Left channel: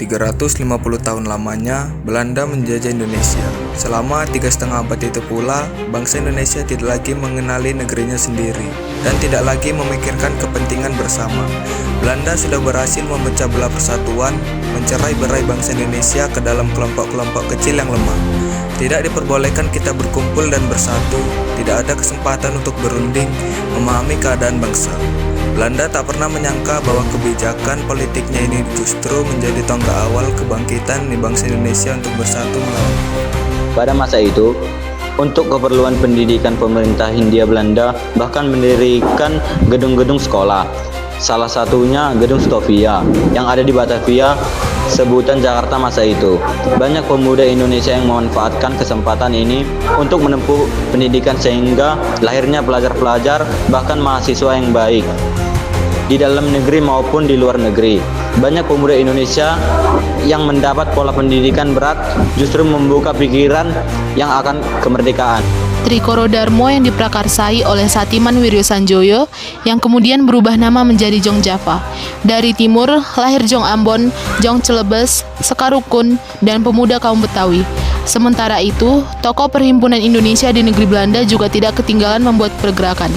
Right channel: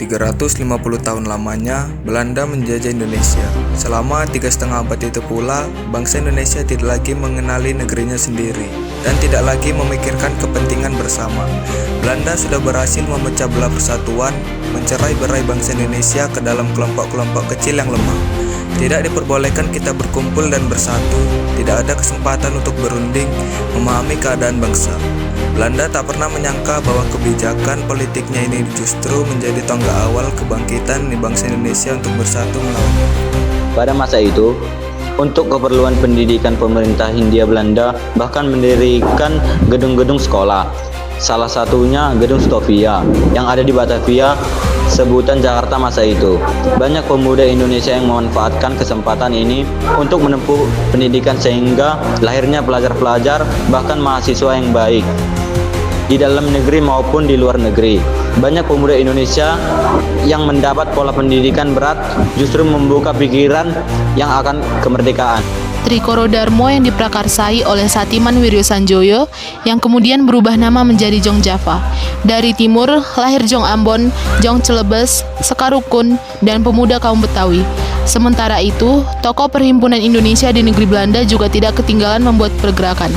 350 tahun lamanya, Belanda menjajah Indonesia. Selama 3,5 abad itu pula, bangsa Indonesia tidak lagi mengenali negerinya sendiri dan tidak lagi memikirkan kepentingan bersama. Belanda sudah berhasil memecah belah persatuan, mencerai-berai bangsa Indonesia ke dalam kelompok-kelompok kecil yang lemah. Tidak diperbolehkan kita berkumpul dan bersatu, tidak ada kesempatan untuk berunding, memahami keadaan bangsa. Belanda tak pernah menyangka bahwa kebijakan politiknya ini justru menjadi tonggak awal kebangkitan di bangsa Indonesia untuk bersatu melawan. Pada masa itu, untuk keperluan pendidikan pemerintah Hindia Belanda bahkan mendirikan gedung-gedung sekolah. Salah satunya Gedung Stovia yang ada di Batavia, sebutan Jakarta masa itu. Banyak pemuda Indonesia yang memanfaatkan kesempatan ini untuk menempuh pendidikan sehingga lahirnya pelajar-pelajar bahkan mahasiswa yang baik di dalam negeri maupun di luar negeri. Banyak pemuda Indonesia yang mendapat pola pendidikan berat justru membuka pikiran yang akan kemerdekaan. Trikoro Darmo yang diprakarsai oleh Satiman Wiryo Sanjoyo yang kemudian berubah nama menjadi Jong Java. Dari timur lahir Jong Ambon, Jong Celebes, Sekar Rukun, dan pemuda kaum Betawi. Sementara itu, tokoh Perhimpunan Indonesia di negeri Belanda juga tidak ketinggalan membuat pergerakan.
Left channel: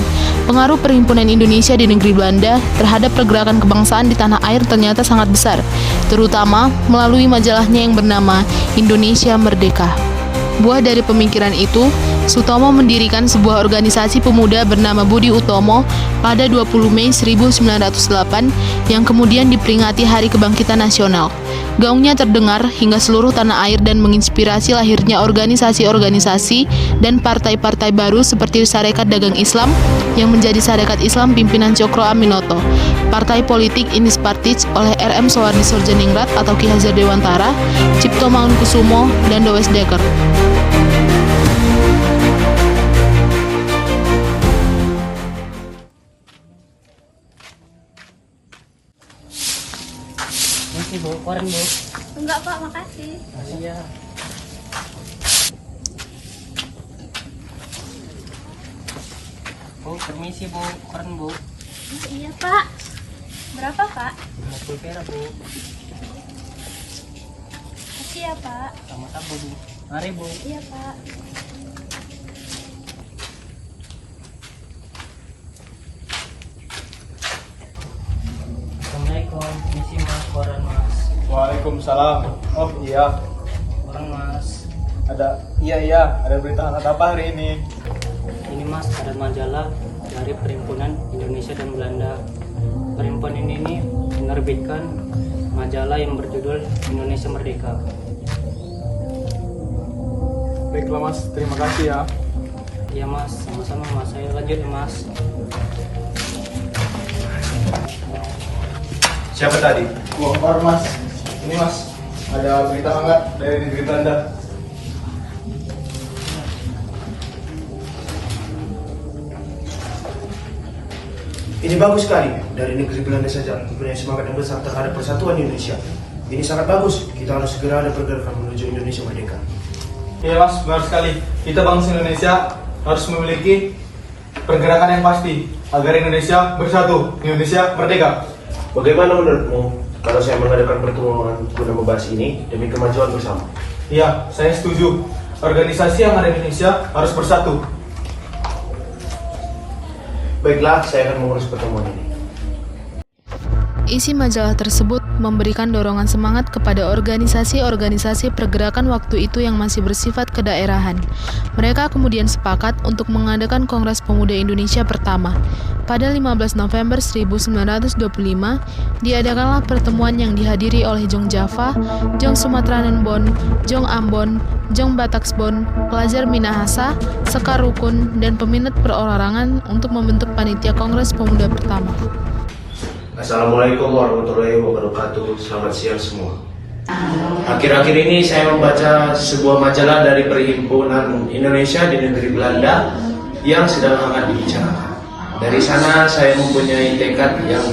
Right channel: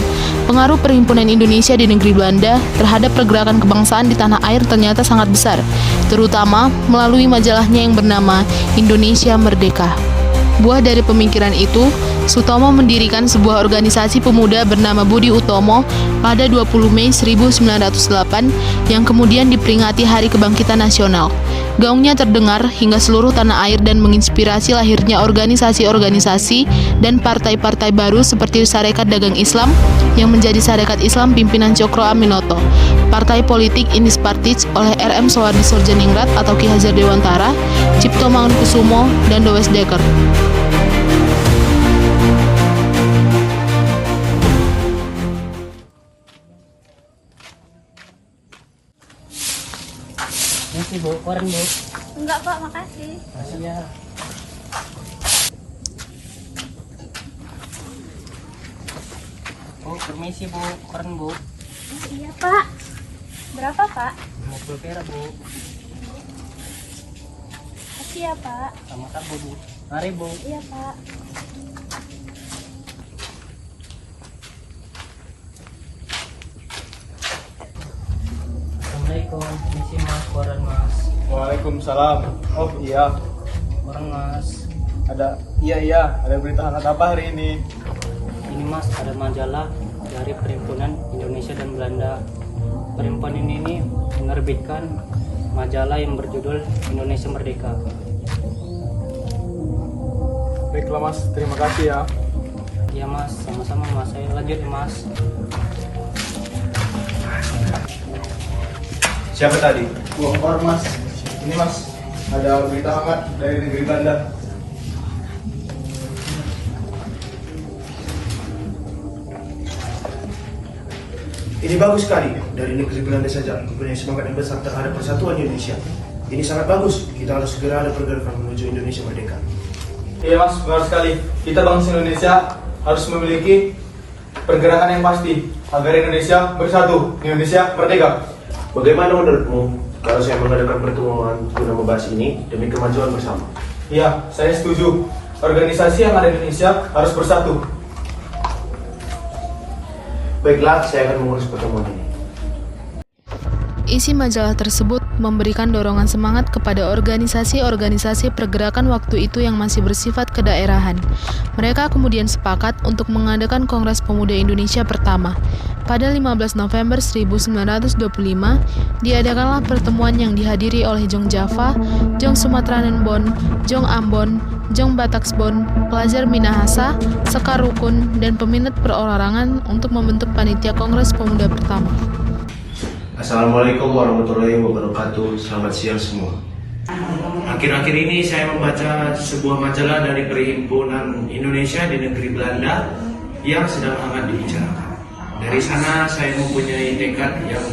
Pengaruh Perhimpunan Indonesia di negeri Belanda terhadap pergerakan kebangsaan di tanah air ternyata sangat besar, terutama melalui majalahnya yang bernama Indonesia Merdeka. Buah dari pemikiran itu, Sutomo mendirikan sebuah organisasi pemuda bernama Budi Utomo pada 20 Mei 1908 yang kemudian diperingati Hari Kebangkitan Nasional. Gaungnya terdengar hingga seluruh tanah air dan menginspirasi lahirnya organisasi-organisasi dan partai-partai baru seperti Sarekat Dagang Islam yang menjadi Sarekat Islam pimpinan Cokro Aminoto, Partai Politik Indis Partij oleh R.M. Soehardi Sorjaningrat atau Ki Hajar Dewantara, Cipto Mangunkusumo, dan Dowes Dekker. Makasih Bu, koran Bu. Enggak Pak, makasih. Makasih ya. Bu, permisi Bu, koran Bu. Oh, iya Pak. Berapa Pak? 50 perak Bu. Makasih ya Pak. Sama-sama Bu. Mari Bu. Iya Pak. Assalamualaikum, misi Mas, koran Mas. Waalaikumsalam. Oh iya, Koran Mas. ada berita hangat apa hari ini? Ini Mas, ada majalah dari Perhimpunan Indonesia dan Belanda. Perhimpunan ini menerbitkan majalah yang berjudul Indonesia Merdeka. Baiklah Mas, terima kasih ya. Iya Mas, sama-sama Mas. Saya lanjut ya Mas. Siapa tadi? Orang Mas. Ini Mas, ada berita hangat dari negeri Belanda. Ini bagus sekali. Dari negeri Belanda saja mempunyai semangat yang besar terhadap persatuan Indonesia. Ini sangat bagus. Kita harus segera ada pergerakan menuju Indonesia merdeka. Iya Mas, benar sekali. Kita bangsa Indonesia harus memiliki pergerakan yang pasti agar Indonesia bersatu, Indonesia merdeka. Bagaimana menurutmu kalau saya mengadakan pertemuan guna membahas ini demi kemajuan bersama? Iya, saya setuju. Organisasi yang ada di Indonesia harus bersatu. Baiklah, saya akan mengurus pertemuan ini. Isi majalah tersebut memberikan dorongan semangat kepada organisasi-organisasi pergerakan waktu itu yang masih bersifat kedaerahan. Mereka kemudian sepakat untuk mengadakan Kongres Pemuda Indonesia pertama. Pada 15 November 1925, diadakanlah pertemuan yang dihadiri oleh Jong Java, Jong Sumatranenbon, Jong Ambon, Jong Bataksbon, pelajar Minahasa, Sekar Rukun, dan peminat perorangan untuk membentuk panitia Kongres Pemuda pertama. Assalamualaikum warahmatullahi wabarakatuh. Selamat siang semua. Akhir-akhir ini saya membaca sebuah majalah dari Perhimpunan Indonesia di negeri Belanda yang sedang hangat dibicarakan. Dari sana saya mempunyai tekad yang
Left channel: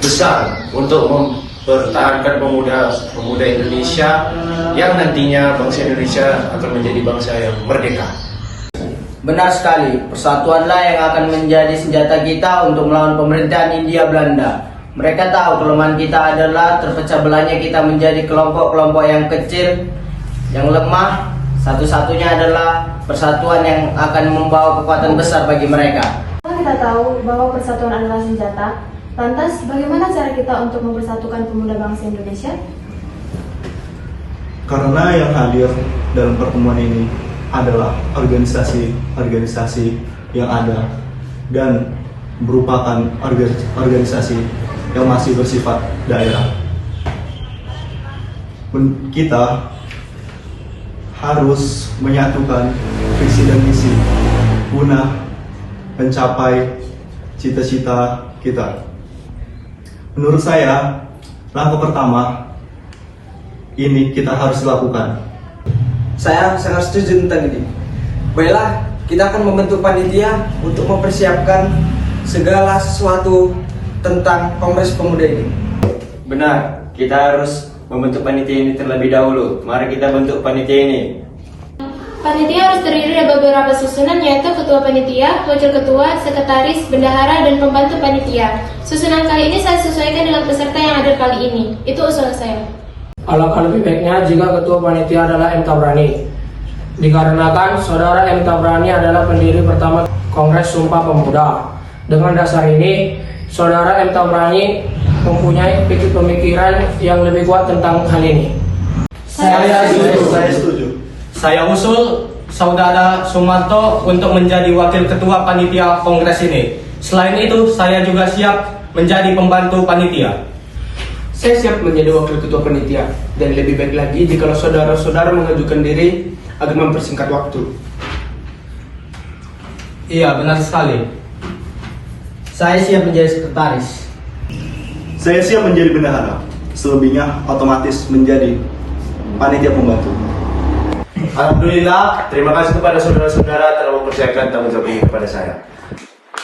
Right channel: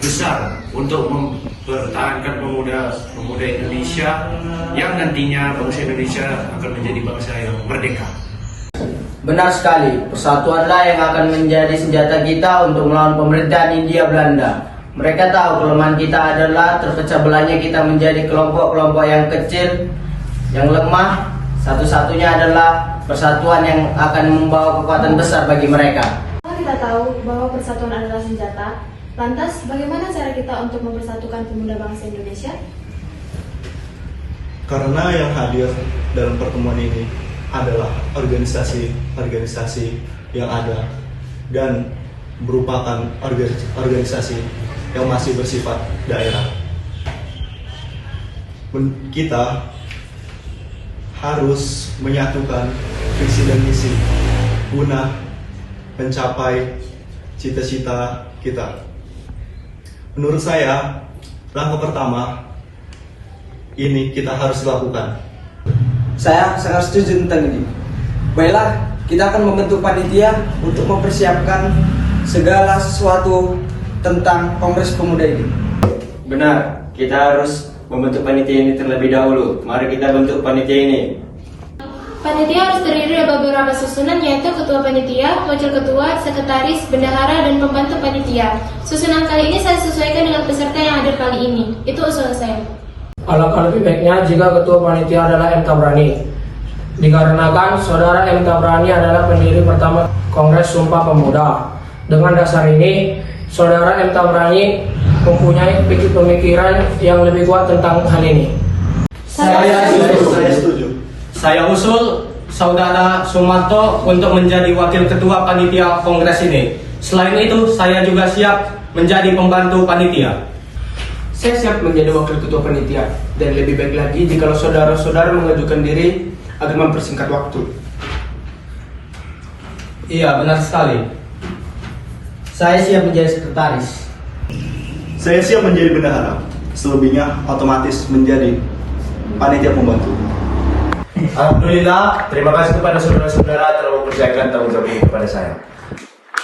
besar untuk mempertahankan pemuda Indonesia yang nantinya bangsa Indonesia akan menjadi bangsa yang merdeka. Benar sekali, persatuanlah yang akan menjadi senjata kita untuk melawan pemerintahan Hindia Belanda. Mereka tahu kelemahan kita adalah terpecah belahnya kita menjadi kelompok-kelompok yang kecil, yang lemah. Satu-satunya adalah persatuan yang akan membawa kekuatan besar bagi mereka. Kita tahu bahwa persatuan adalah senjata. Lantas, bagaimana cara kita untuk mempersatukan pemuda bangsa Indonesia? Karena yang hadir dalam pertemuan ini adalah organisasi-organisasi yang ada dan merupakan organisasi yang masih bersifat daerah. Kita harus menyatukan visi dan misi guna mencapai cita-cita kita. Menurut saya, langkah pertama ini kita harus lakukan. Saya sangat setuju tentang ini. Baiklah, kita akan membentuk panitia untuk mempersiapkan segala sesuatu tentang Kongres Pemuda ini. Benar, kita harus membentuk panitia ini terlebih dahulu. Mari kita bentuk panitia ini. Panitia harus terdiri dari beberapa susunan, yaitu ketua panitia, wakil ketua, sekretaris, bendahara, dan pembantu panitia. Susunan kali ini saya sesuaikan dengan peserta yang ada kali ini. Itu usul saya. Alangkah lebih baiknya jika ketua panitia adalah M. Tabrani. Dikarenakan saudara M. Tabrani adalah pendiri pertama Kongres Sumpah Pemuda. Dengan dasar ini, saudara M. Tabrani mempunyai pemikiran yang lebih kuat tentang hal ini. Saya setuju. Saya usul Saudara Sumarto untuk menjadi wakil ketua panitia kongres ini. Selain itu, saya juga siap menjadi pembantu panitia. Saya siap menjadi wakil ketua panitia, dan lebih baik lagi jika saudara-saudara mengajukan diri agar mempersingkat waktu. Iya, benar sekali. Saya siap menjadi sekretaris. Saya siap menjadi bendahara. Selebihnya otomatis menjadi panitia pembantu. Alhamdulillah, terima kasih kepada saudara-saudara telah mempercayakan tanggung jawab ini kepada saya.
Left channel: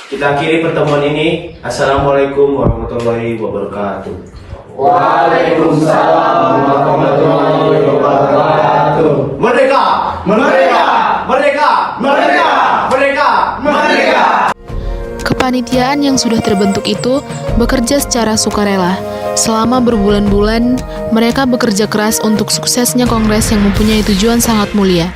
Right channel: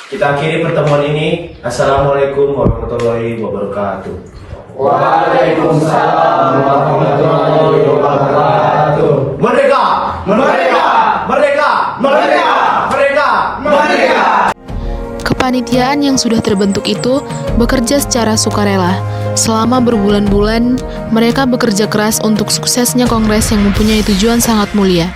Kita akhiri pertemuan ini. Assalamualaikum warahmatullahi wabarakatuh. Waalaikumsalam warahmatullahi wabarakatuh. Merdeka! Merdeka! Merdeka! Merdeka! Merdeka! Merdeka! Kepanitiaan yang sudah terbentuk itu bekerja secara sukarela. Selama berbulan-bulan, mereka bekerja keras untuk suksesnya kongres yang mempunyai tujuan sangat mulia.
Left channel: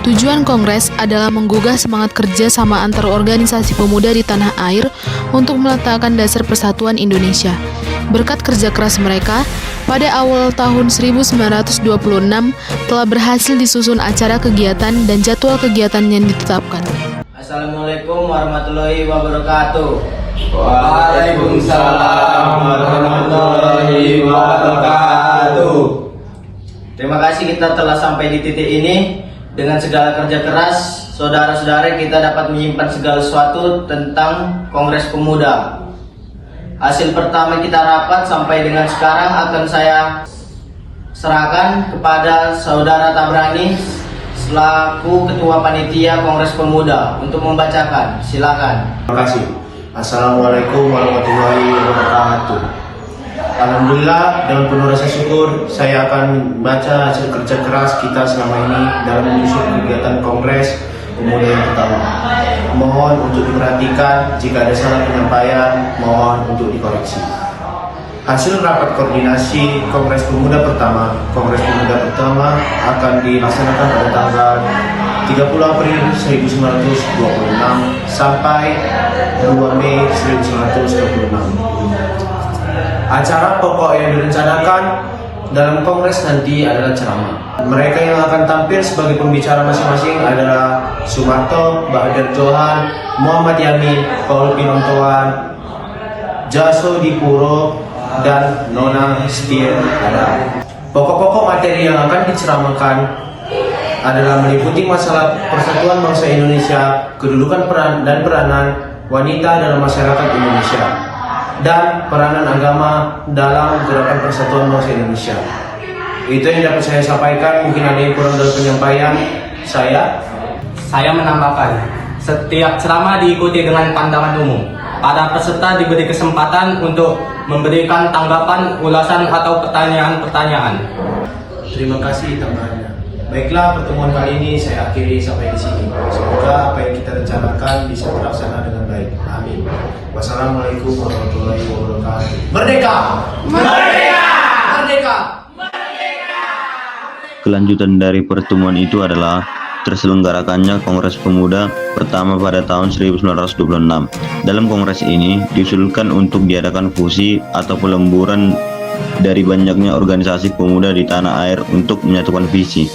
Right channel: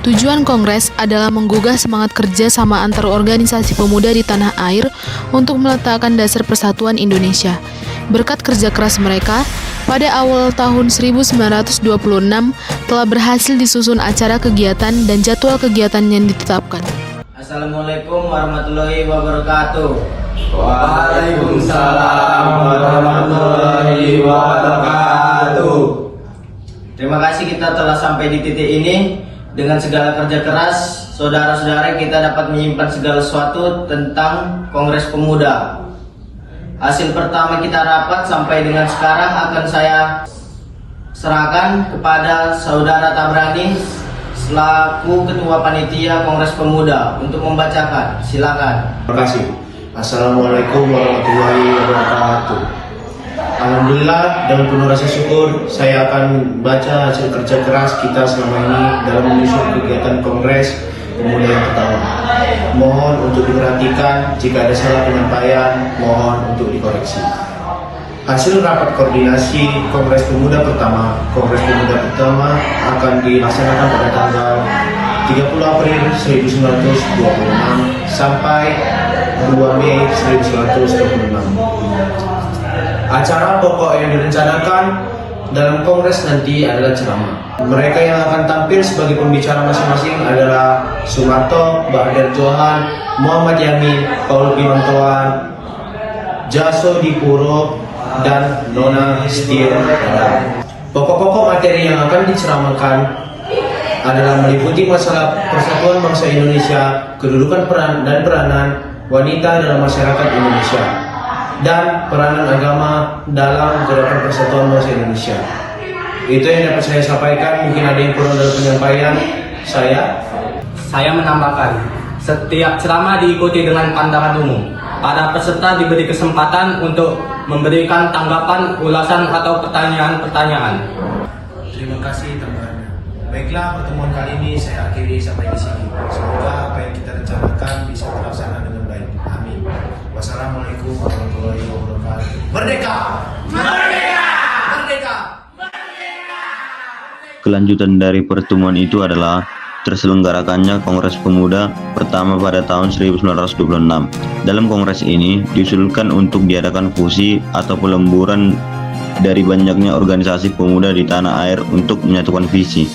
Tujuan kongres adalah menggugah semangat kerja sama antar organisasi pemuda di tanah air untuk meletakkan dasar persatuan Indonesia. Berkat kerja keras mereka, pada awal tahun 1926 telah berhasil disusun acara kegiatan dan jadwal kegiatan yang ditetapkan. Assalamualaikum warahmatullahi wabarakatuh. Waalaikumsalam warahmatullahi wabarakatuh. Terima kasih kita telah sampai di titik ini. Dengan segala kerja keras, saudara-saudara kita dapat menyimpan segala sesuatu tentang Kongres Pemuda. Hasil pertama kita rapat sampai dengan sekarang akan saya serahkan kepada Saudara Tabrani selaku Ketua Panitia Kongres Pemuda untuk membacakan. Silakan. Terima kasih. Assalamualaikum warahmatullahi wabarakatuh. Alhamdulillah, dengan penuh rasa syukur saya akan membaca hasil kerja keras kita selama ini dalam menyusun kegiatan Kongres Pemuda yang pertama. Mohon untuk diperhatikan, jika ada salah penyampaian, mohon untuk dikoreksi. Hasil rapat koordinasi Kongres Pemuda pertama. Kongres Pemuda pertama akan dilaksanakan pada tanggal 30 April 1926 sampai 2 Mei 1926. Acara pokok yang direncanakan dalam kongres nanti adalah ceramah. Mereka yang akan tampil sebagai pembicara masing-masing adalah Sumarto, Bahdar Johan, Muhammad Yamin, Paul Pinontoan, Jaso Dipuro, dan Nona Stir Adam. Pokok-pokok materi yang akan diceramahkan adalah meliputi masalah persatuan bangsa Indonesia, kedudukan peran dan peranan wanita dalam masyarakat Indonesia, dan peranan agama dalam gerakan persatuan bangsa Indonesia. Itu yang dapat saya sampaikan. Mungkin ada yang kurang dalam penyampaian saya. Saya menambahkan, setiap ceramah diikuti dengan pandangan umum. Para peserta diberi kesempatan untuk memberikan tanggapan, ulasan, atau pertanyaan-pertanyaan. Terima kasih tambahannya. Baiklah, pertemuan kali ini saya akhiri sampai di sini. Semoga apa yang kita rencanakan bisa terlaksana dengan baik. Amin. Wassalamualaikum warahmatullahi wabarakatuh. Merdeka! Kelanjutan dari pertemuan itu adalah terselenggarakannya Kongres Pemuda pertama pada tahun 1926. Dalam kongres ini diusulkan untuk diadakan fusi atau pelemburan dari banyaknya organisasi pemuda di tanah air untuk menyatukan visi.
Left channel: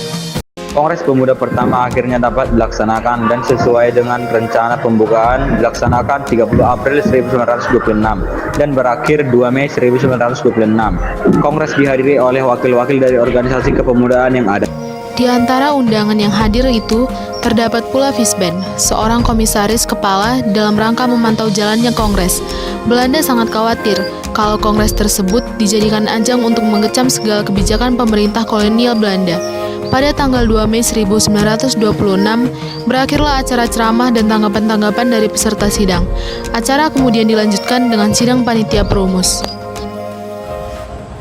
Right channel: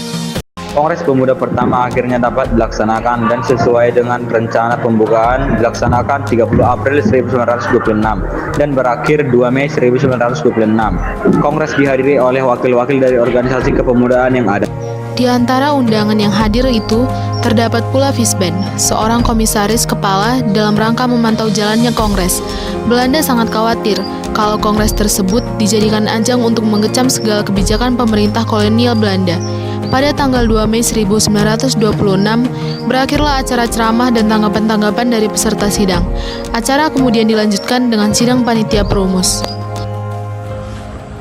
Kongres Pemuda pertama akhirnya dapat dilaksanakan dan sesuai dengan rencana pembukaan dilaksanakan 30 April 1926 dan berakhir 2 Mei 1926. Kongres dihadiri oleh wakil-wakil dari organisasi kepemudaan yang ada. Di antara undangan yang hadir itu, terdapat pula Visben, seorang komisaris kepala dalam rangka memantau jalannya kongres. Belanda sangat khawatir kalau kongres tersebut dijadikan ajang untuk mengecam segala kebijakan pemerintah kolonial Belanda. Pada tanggal 2 Mei 1926, berakhirlah acara ceramah dan tanggapan-tanggapan dari peserta sidang. Acara kemudian dilanjutkan dengan sidang panitia perumus.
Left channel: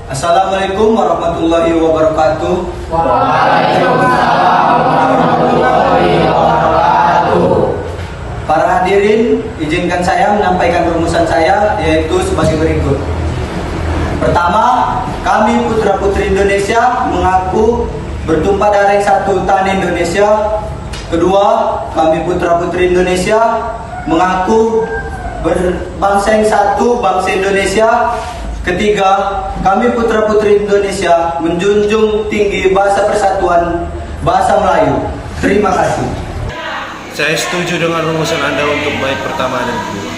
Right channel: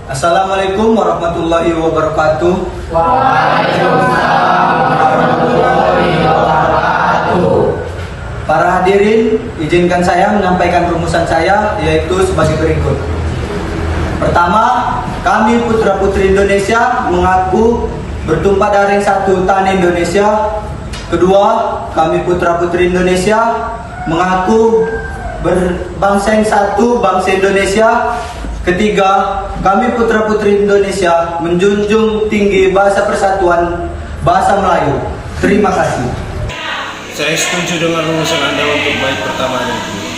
Assalamualaikum warahmatullahi wabarakatuh. Para hadirin, izinkan saya menyampaikan rumusan saya, yaitu sebagai berikut. Pertama, kami putra-putri Indonesia mengaku bertumpah darah yang satu tanah Indonesia. Kedua, kami putra-putri Indonesia mengaku berbangsa yang satu, bangsa Indonesia. Ketiga, kami putra-putri Indonesia menjunjung tinggi bahasa persatuan, bahasa Melayu. Terima kasih. Saya setuju dengan rumusan Anda untuk bait pertama dan kedua.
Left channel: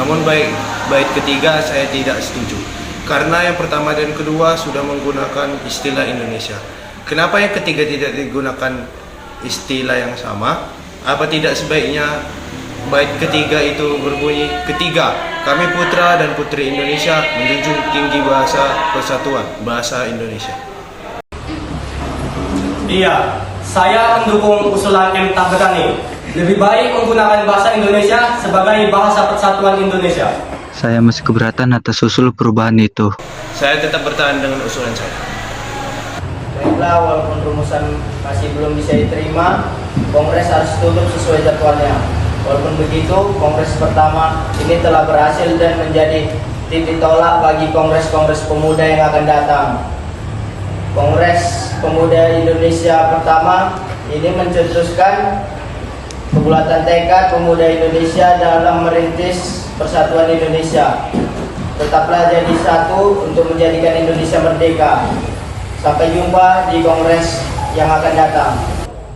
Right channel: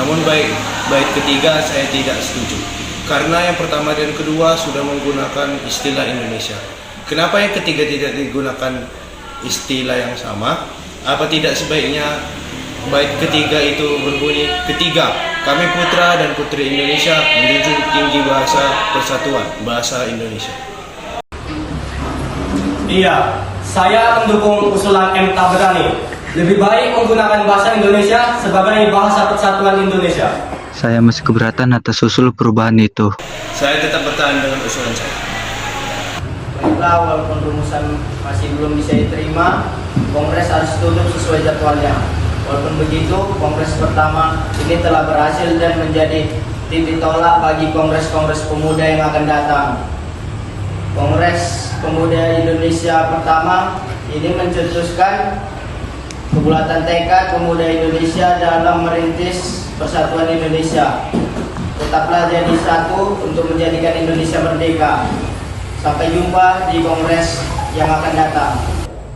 Namun bait ketiga saya tidak setuju. Karena yang pertama dan kedua sudah menggunakan istilah Indonesia. Kenapa yang ketiga tidak digunakan istilah yang sama? Apa tidak sebaiknya bait ketiga itu berbunyi, ketiga, kami putra dan putri Indonesia menjunjung tinggi bahasa persatuan, bahasa Indonesia. Iya, saya mendukung usulan M. Tabrani. Lebih baik menggunakan bahasa Indonesia sebagai bahasa persatuan Indonesia. Saya masih keberatan atas usul perubahan itu. Saya tetap bertahan dengan usulan saya. Baiklah, walaupun rumusan masih belum bisa diterima, kongres harus tutup sesuai jadwalnya. Walaupun begitu, kongres pertama ini telah berhasil dan menjadi titik tolak bagi kongres-kongres pemuda yang akan datang. Kongres Pemuda Indonesia pertama ini mencetuskan kebulatan tekad pemuda Indonesia dalam merintis persatuan Indonesia. Tetaplah jadi satu untuk menjadikan Indonesia merdeka. Sampai jumpa di kongres yang akan datang.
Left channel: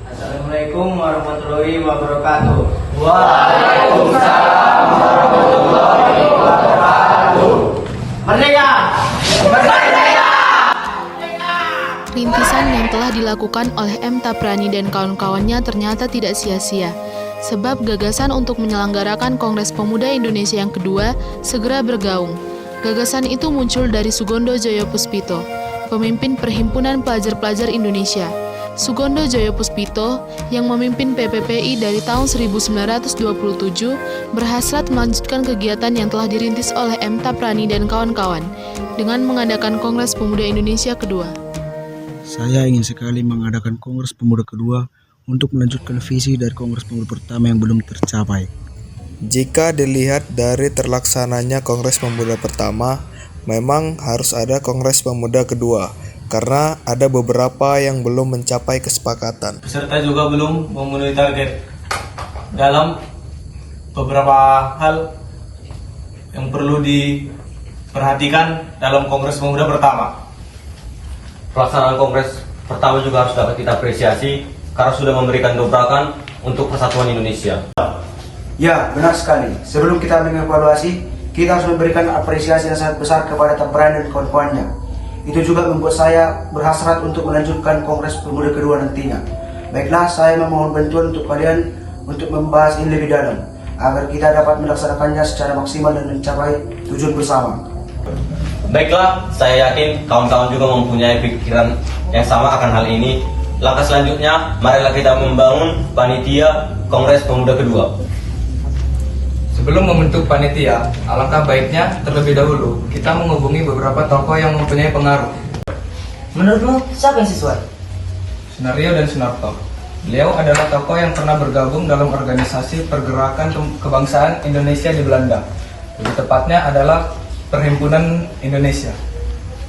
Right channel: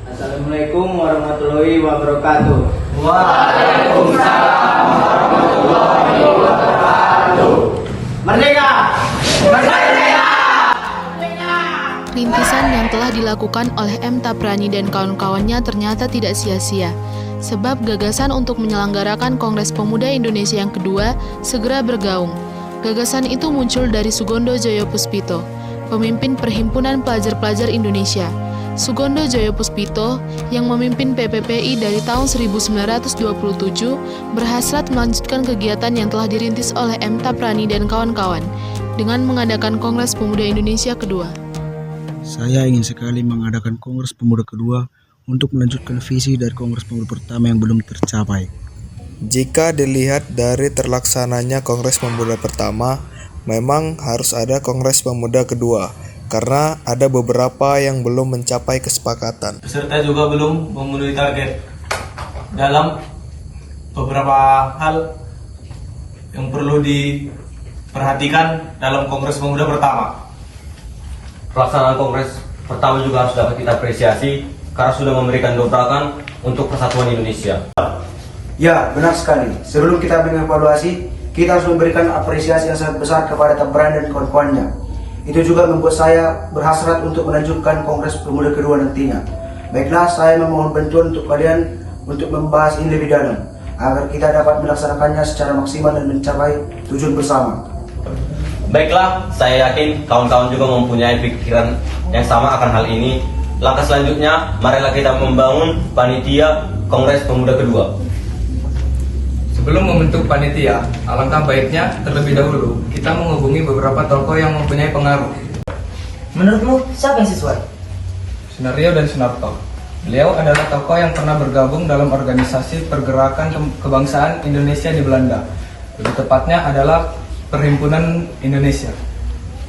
Assalamualaikum warahmatullahi wabarakatuh. Waalaikumsalam warahmatullahi wabarakatuh. Merdeka! Merdeka! Rintisan yang telah dilakukan oleh M. Tabrani dan kawan-kawannya ternyata tidak sia-sia, sebab gagasan untuk menyelenggarakan Kongres Pemuda Indonesia yang kedua segera bergaung. Gagasan itu muncul dari Sugondo Joyopuspito, pemimpin Perhimpunan Pelajar-Pelajar Indonesia. Sugondo Joyopuspito yang memimpin PPPI dari tahun 1927 berhasrat melanjutkan kegiatan yang telah dirintis oleh M. Tabrani dan kawan-kawan dengan mengadakan Kongres Pemuda Indonesia kedua. Saya ingin sekali mengadakan Kongres Pemuda kedua untuk melanjutkan visi dari Kongres Pemuda pertama yang belum tercapai. Jika dilihat dari terlaksananya Kongres Pemuda pertama, memang harus ada Kongres Pemuda kedua, karena ada beberapa yang belum mencapai kesepakatan. Peserta juga belum memenuhi target dalam beberapa hal yang perlu diperhatikan dalam Kongres Pemuda pertama. Pelaksanaan kongres pertama juga harus dapat kita apresiasi karena sudah memberikan dobrakan untuk persatuan Indonesia. Ya, benar sekali. Sebelum kita mengevaluasi, kita harus memberikan apresiasi yang sangat besar kepada Tabrani dan kawan-kawannya. Itu juga membuat saya berhasrat untuk melanjutkan Kongres Pemuda kedua nantinya. Baiklah, saya memohon bantuan untuk kalian untuk membahas ini lebih dalam, agar kita dapat melaksanakannya secara maksimal dan mencapai tujuan bersama. Baiklah, saya yakin kawan-kawan juga mempunyai pikiran yang sama akan hal ini. Langkah selanjutnya, marilah kita membangun panitia Kongres Pemuda kedua. Sebelum membentuk panitia, alangkah baiknya terlebih dahulu kita menghubungi beberapa tokoh yang mempunyai pengaruh. Menurutmu, siapa yang sesuai? Sunario dan Sunarto. Beliau adalah tokoh yang pernah bergabung dalam organisasi pergerakan kebangsaan Indonesia di Belanda. Lebih tepatnya adalah Perhimpunan Indonesia.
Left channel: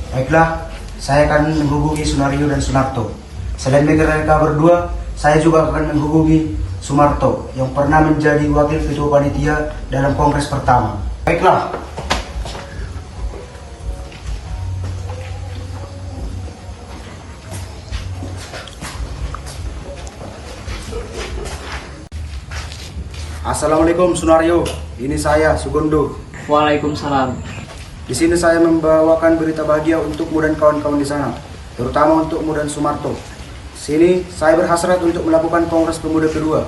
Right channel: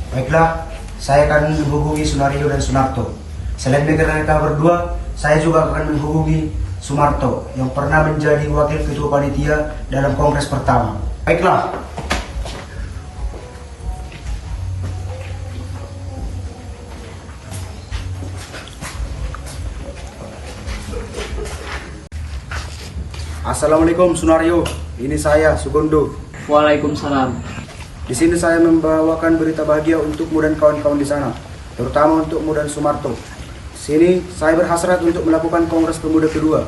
Baiklah, saya akan menghubungi Sunario dan Sunarto. Selain mereka berdua, saya juga akan menghubungi Sumarto yang pernah menjadi wakil ketua panitia dalam kongres pertama. Baiklah. Assalamualaikum Sunario, ini saya Sugondo. Waalaikumsalam. Di sini saya membawakan berita bahagia untukmu dan kawan-kawan di sana, terutama untukmu dan Sumarto. Sini saya berhasrat untuk melakukan Kongres Pemuda kedua.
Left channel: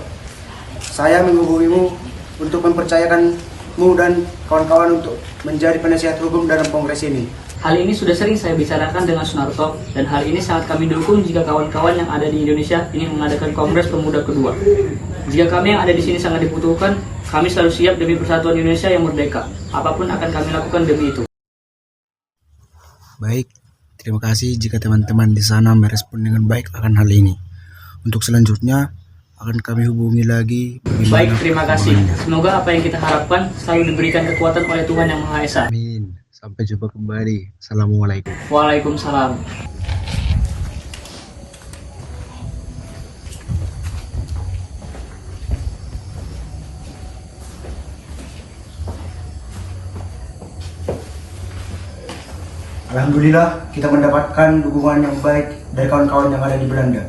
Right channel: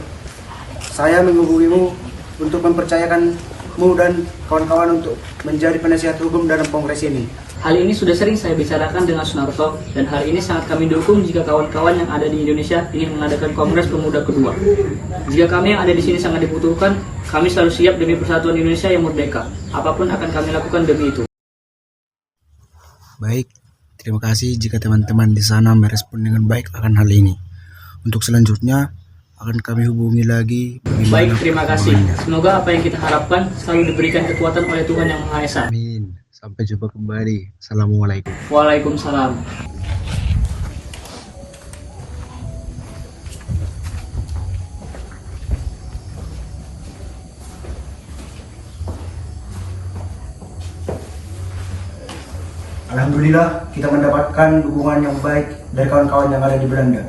Saya menghubungimu untuk mempercayakanmu dan kawan-kawan untuk menjadi penasihat hukum dalam kongres ini. Hal ini sudah sering saya bicarakan dengan Sunarto, dan hal ini sangat kami dukung jika kawan-kawan yang ada di Indonesia ingin mengadakan Kongres Pemuda kedua. Jika kami yang ada di sini sangat dibutuhkan, kami selalu siap demi persatuan Indonesia yang merdeka. Apapun akan kami lakukan demi itu. Baik, terima kasih jika teman-teman di sana merespon dengan baik akan hal ini. Untuk selanjutnya akan kami hubungi lagi. Baik, terima kasih. Semoga apa yang kita harapkan selalu diberikan kekuatan oleh Tuhan Yang Maha Esa. Amin. Sampai jumpa kembali. Assalamualaikum. Waalaikumsalam. Alhamdulillah kita mendapatkan dukungan yang baik dari kawan-kawan yang ada di Belanda.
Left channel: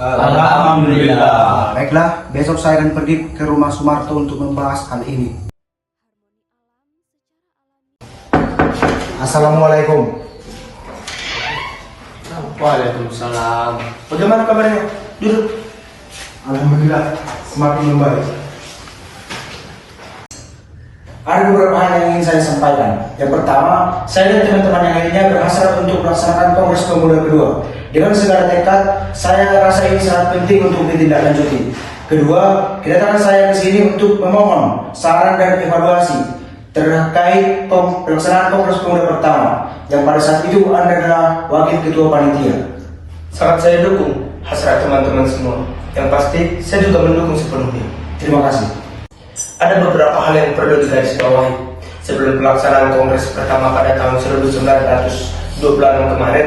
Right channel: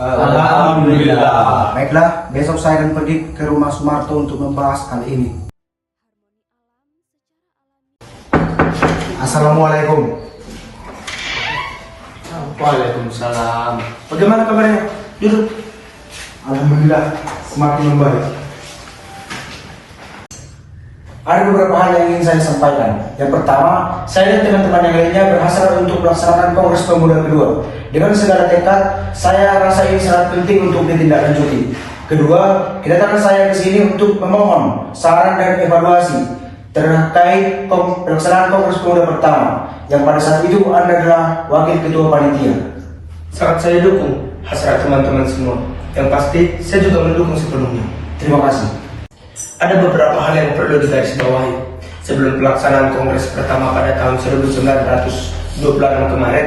Alhamdulillah. Baiklah, besok saya akan pergi ke rumah Sumarto untuk membahas hal ini. Assalamualaikum. Waalaikumsalam. Bagaimana kabarnya? Duduk. Alhamdulillah, semakin membaik. Ada beberapa hal yang ingin saya sampaikan. Yang pertama, saya dan teman-teman yang lainnya berhasrat untuk melaksanakan Kongres Pemuda kedua. Dengan segala tekad, saya rasa ini sangat penting untuk ditindaklanjuti. Kedua, kedatangan saya ke sini untuk memohon saran dan evaluasi terkait pelaksanaan Kongres Pemuda pertama, yang pada saat itu Anda adalah wakil ketua panitia. Sangat saya dukung hasrat teman-teman semua. Yang pasti, saya juga mendukung sepenuhnya. Terima kasih. Ada beberapa hal yang perlu digarisbawahi. Sebelum pelaksanaan Kongres pertama pada tahun 1926 kemarin,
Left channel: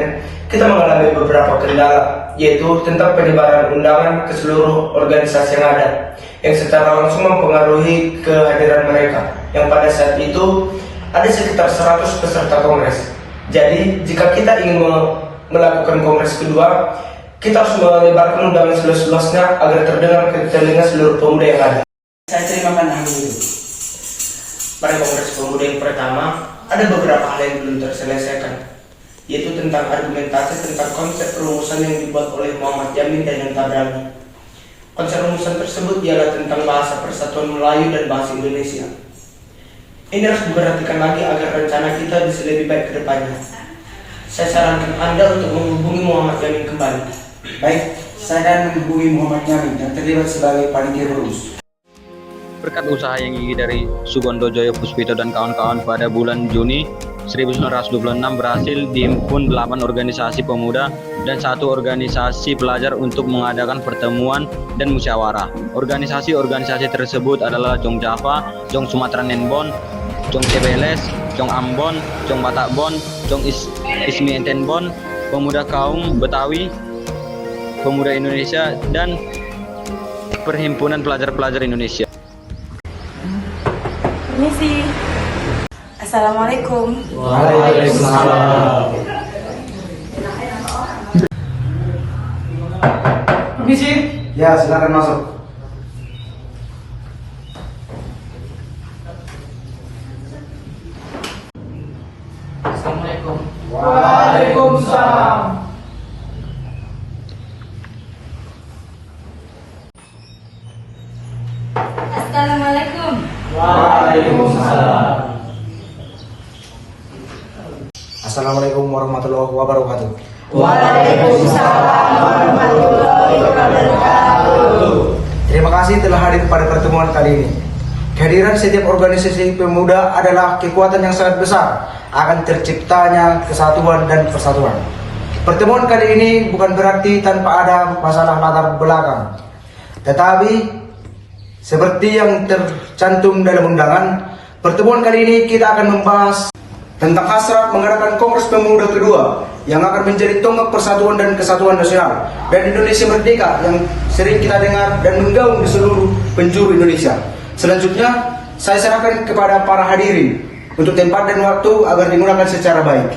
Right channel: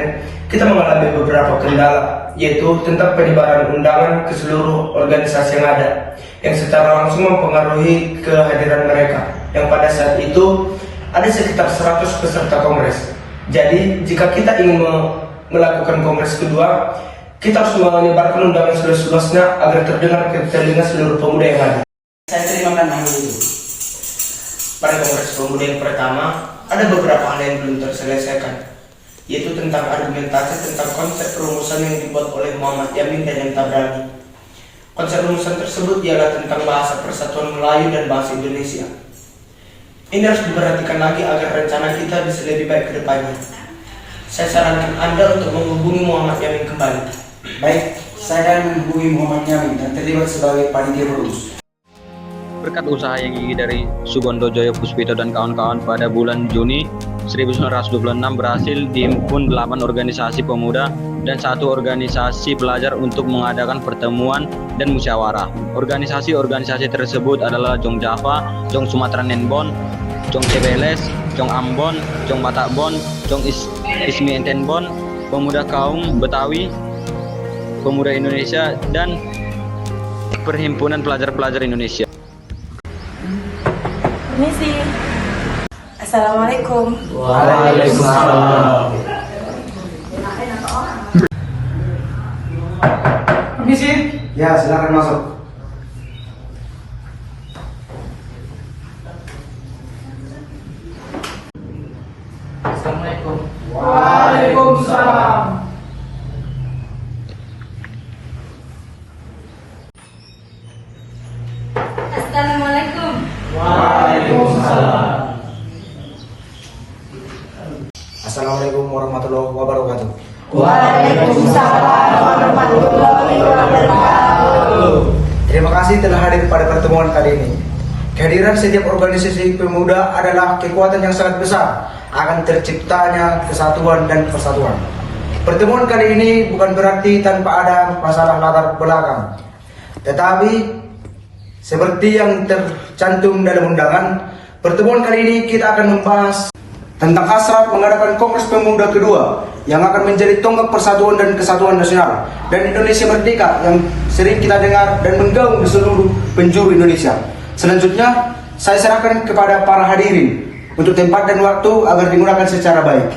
kita mengalami beberapa kendala, yaitu tentang penyebaran undangan ke seluruh organisasi yang ada, yang secara langsung mempengaruhi kehadiran mereka, yang pada saat itu ada sekitar 100 peserta Kongres. Jadi, jika kita ingin melakukan Kongres kedua, kita harus menyebarkan undangan seluas-luasnya agar terdengar ke telinga seluruh pemuda yang ada. Saya terimakan hal itu. Pada Kongres Pemuda yang pertama, ada beberapa hal yang belum terselesaikan, yaitu tentang argumentasi tentang konsep rumusan yang dibuat oleh Muhammad Yamin dan yang Tabrani. Konsep rumusan tersebut ialah tentang bahasa persatuan Melayu dan bahasa Indonesia. Ini harus diperhatikan lagi agar rencana kita bisa lebih baik ke depannya. Saya sarankan Anda untuk menghubungi Muhammad Yamin kembali. Baik, saya akan menghubungi Muhammad Yamin yang terlibat sebagai panitia perumus. Berkat usaha yang gigih dari Sugondo Joyo Puspito dan kawan-kawan, pada bulan Juni 1926 berhasil dihimpun 8 organisasi pemuda dan 1 organisasi pelajar untuk mengadakan pertemuan dan musyawarah. Organisasi-organisasi tersebut adalah Jong Java, Jong Sumatera Nenbon, Jong Cebeles, Jong Ambon, Jong Batakbon, Jong Ismi Entenbon, Pemuda Kaum Betawi, Pemuda Indonesia, dan Perhimpunan Pelajar-Pelajar Indonesia. Permisi. Assalamualaikum. Waalaikumsalam. Permisi. Ya, silakan masuk. Assalamualaikum. Waalaikumsalam. Assalamualaikum. Waalaikumsalam. Assalamualaikum warahmatullahi wabarakatuh. Waalaikumsalam warahmatullahi wabarakatuh. Terima kasih telah hadir pada pertemuan kali ini. Kehadiran setiap organisasi pemuda adalah kekuatan yang sangat besar akan terciptanya kesatuan dan persatuan. Pertemuan kali ini bukan berarti tanpa ada masalah latar belakang, tetapi seperti yang tercantum dalam undangan, Pertemuan kali ini kita akan membahas tentang hasrat mengadakan Kongres Pemuda kedua yang akan menjadi tonggak persatuan dan kesatuan nasional dan Indonesia merdeka yang sering kita dengar dan menggaung di seluruh penjuru Indonesia. Selanjutnya, saya serahkan kepada para hadirin untuk tempat dan waktu agar digunakan secara baik.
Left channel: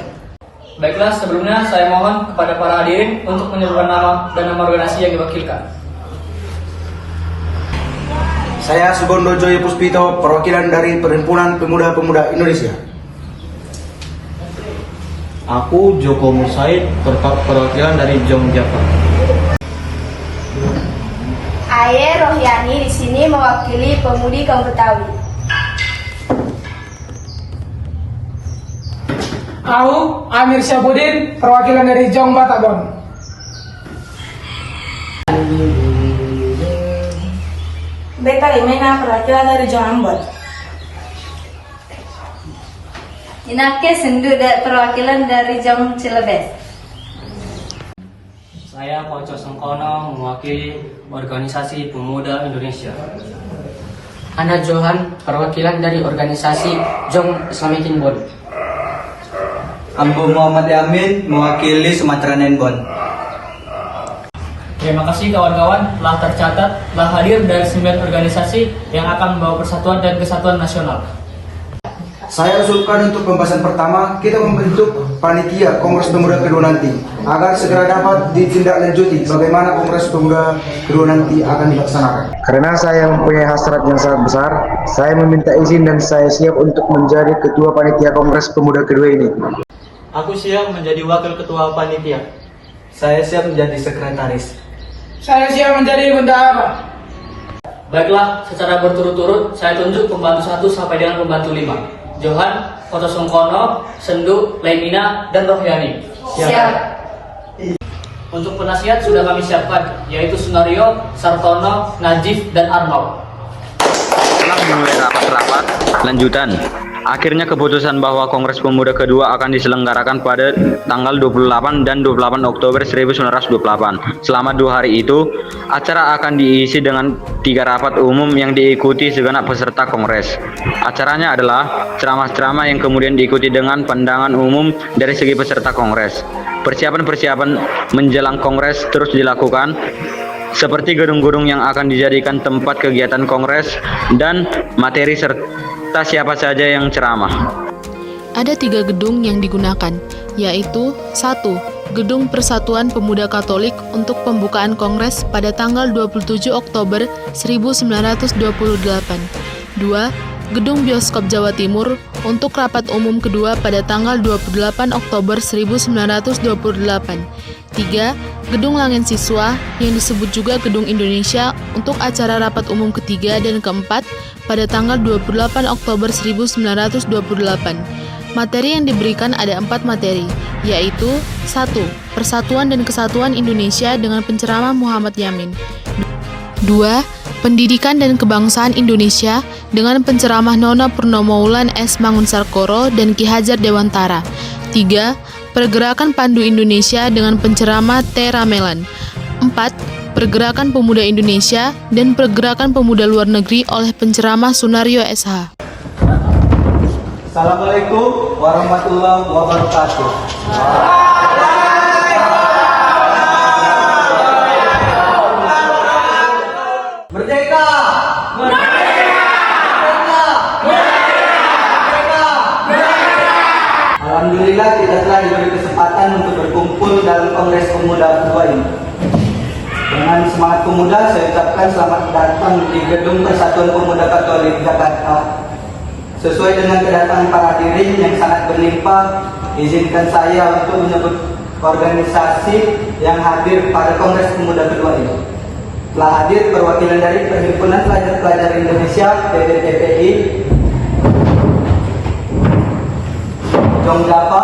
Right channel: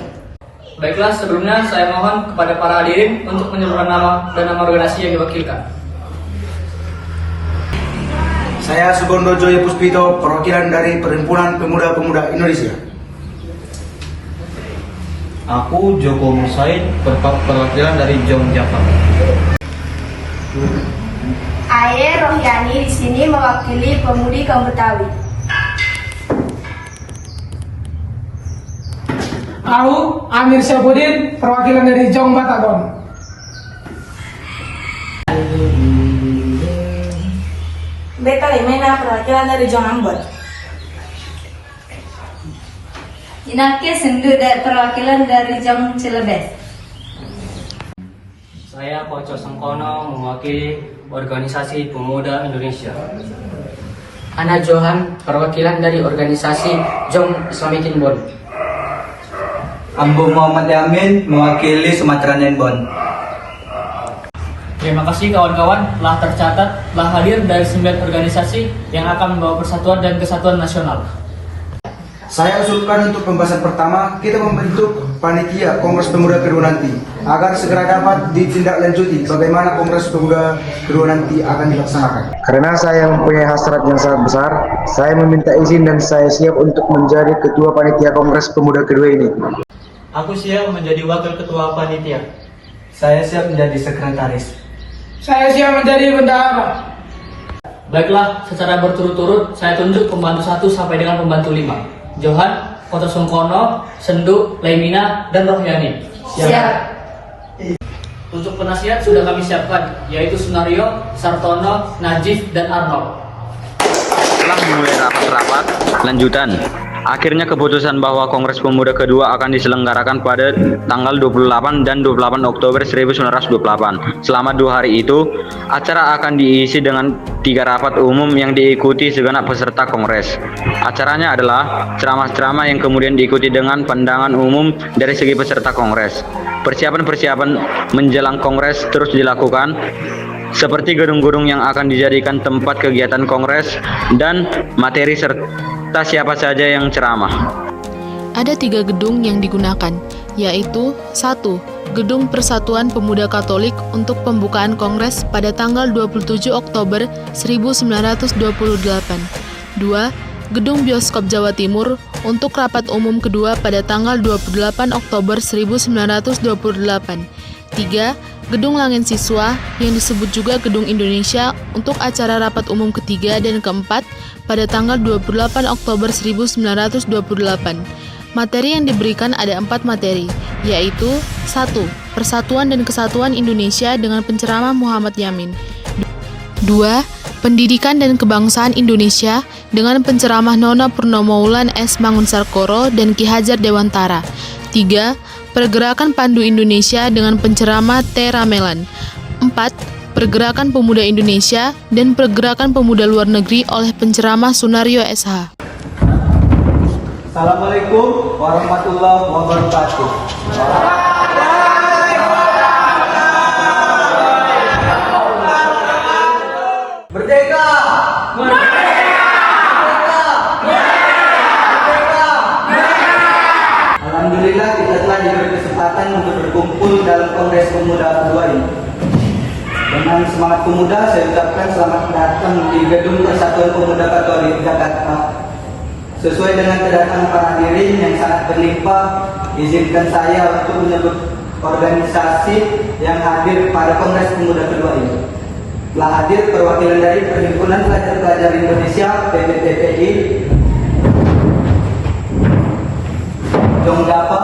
Baiklah, sebelumnya saya mohon kepada para hadirin untuk menyebutkan nama dan nama organisasi yang diwakilkan. Saya Sugondo Joyo Puspito, perwakilan dari Perhimpunan Pemuda-Pemuda Indonesia. Aku Joko Musaid, perwakilan dari Jong Java. Aye Rohyani di sini mewakili pemudi kaum Betawi. Aku Amir Syabudin, perwakilan dari Jong Batagong. Beta Limena, perwakilan dari Jong Ambon. Inake Sendu, perwakilan dari Jong Cilebes. Saya Poco Sengkono, mewakili Organisasi Pemuda Indonesia. Ana Johan, perwakilan dari organisasi Jong Islamic Inbon. Ambo Muhammad Yamin, mewakili Sumatera Nenbon. Terima kasih kawan-kawan telah tercatat, telah hadir dari 9 organisasi yang akan membawa persatuan dan kesatuan nasional. Saya usulkan untuk pembahasan pertama, kita membentuk panitia Kongres Pemuda kedua nanti agar segera dapat ditindaklanjuti bagaimana Kongres Pemuda kedua nanti akan dilaksanakan. Karena saya mempunyai hasrat yang sangat besar, saya meminta izin dan saya siap untuk menjadi ketua panitia Kongres Pemuda kedua ini. Aku siap menjadi wakil ketua panitia. Saya siap menjadi sekretaris. Saya siap menjadi bendahara. Baiklah, secara berturut-turut saya tunjuk pembantu 1 sampai dengan pembantu 5. Johan, Poco Sengkono, Sendu, Lemina, dan Rohyani. Siap. Untuk penasihat sudah kami siapkan, yaitu Sunario, Sartono, Najib, dan Arhau. Setelah memulai rapat-rapat lanjutan, akhirnya keputusan bahwa Kongres Pemuda kedua akan diselenggarakan pada tanggal 28 dan 28 Oktober 1928. Selama 2 hari itu, acara akan diisi dengan 3 rapat umum yang diikuti segenap peserta Kongres. Acaranya adalah ceramah-ceramah yang kemudian diikuti dengan pandangan umum dari segi peserta Kongres. Persiapan-persiapan menjelang Kongres terus dilakukan, seperti gedung-gedung yang akan dijadikan tempat kegiatan Kongres dan materi serta siapa saja yang ceramah. Ada 3 gedung yang digunakan, yaitu 1. Gedung Persatuan Pemuda Katolik untuk pembukaan Kongres pada tanggal 27 Oktober 1928. 2. Gedung Bioskop Jawa Timur untuk rapat umum kedua pada tanggal 28 Oktober 1928. 3. Gedung Langit Siswa yang disebut juga Gedung Indonesia untuk acara rapat umum ketiga dan keempat pada tanggal 28 Oktober 1928. Materi yang diberikan ada 4 materi, yaitu 1. Persatuan dan Kesatuan Indonesia dengan penceramah Muhammad Yamin. 2. Pendidikan dan Kebangsaan Indonesia dengan penceramah Nona Purnomoulan S. Mangunsarkoro dan Ki Hajar Dewantara. 3. Pergerakan Pandu Indonesia dengan penceramah T. Ramelan. 4. Pergerakan Pemuda Indonesia dan Pergerakan Pemuda Luar Negeri oleh penceramah Sunario SH. Assalamualaikum warahmatullahi wabarakatuh. Merdeka! Alhamdulillah kita telah diberi kesempatan untuk berkumpul dalam Kongres Pemuda kedua ini. Dengan semangat pemuda, saya ucapkan selamat datang di Gedung Persatuan Pemuda Katolik Jakarta. Sesuai dengan kedatangan para hadirin yang sangat berlimpah, izinkan saya untuk menyebut organisasi yang hadir pada Kongres Pemuda kedua ini. Telah hadir perwakilan dari Perhimpunan Pelajar-Pelajar Indonesia (PPPI), Jong Java,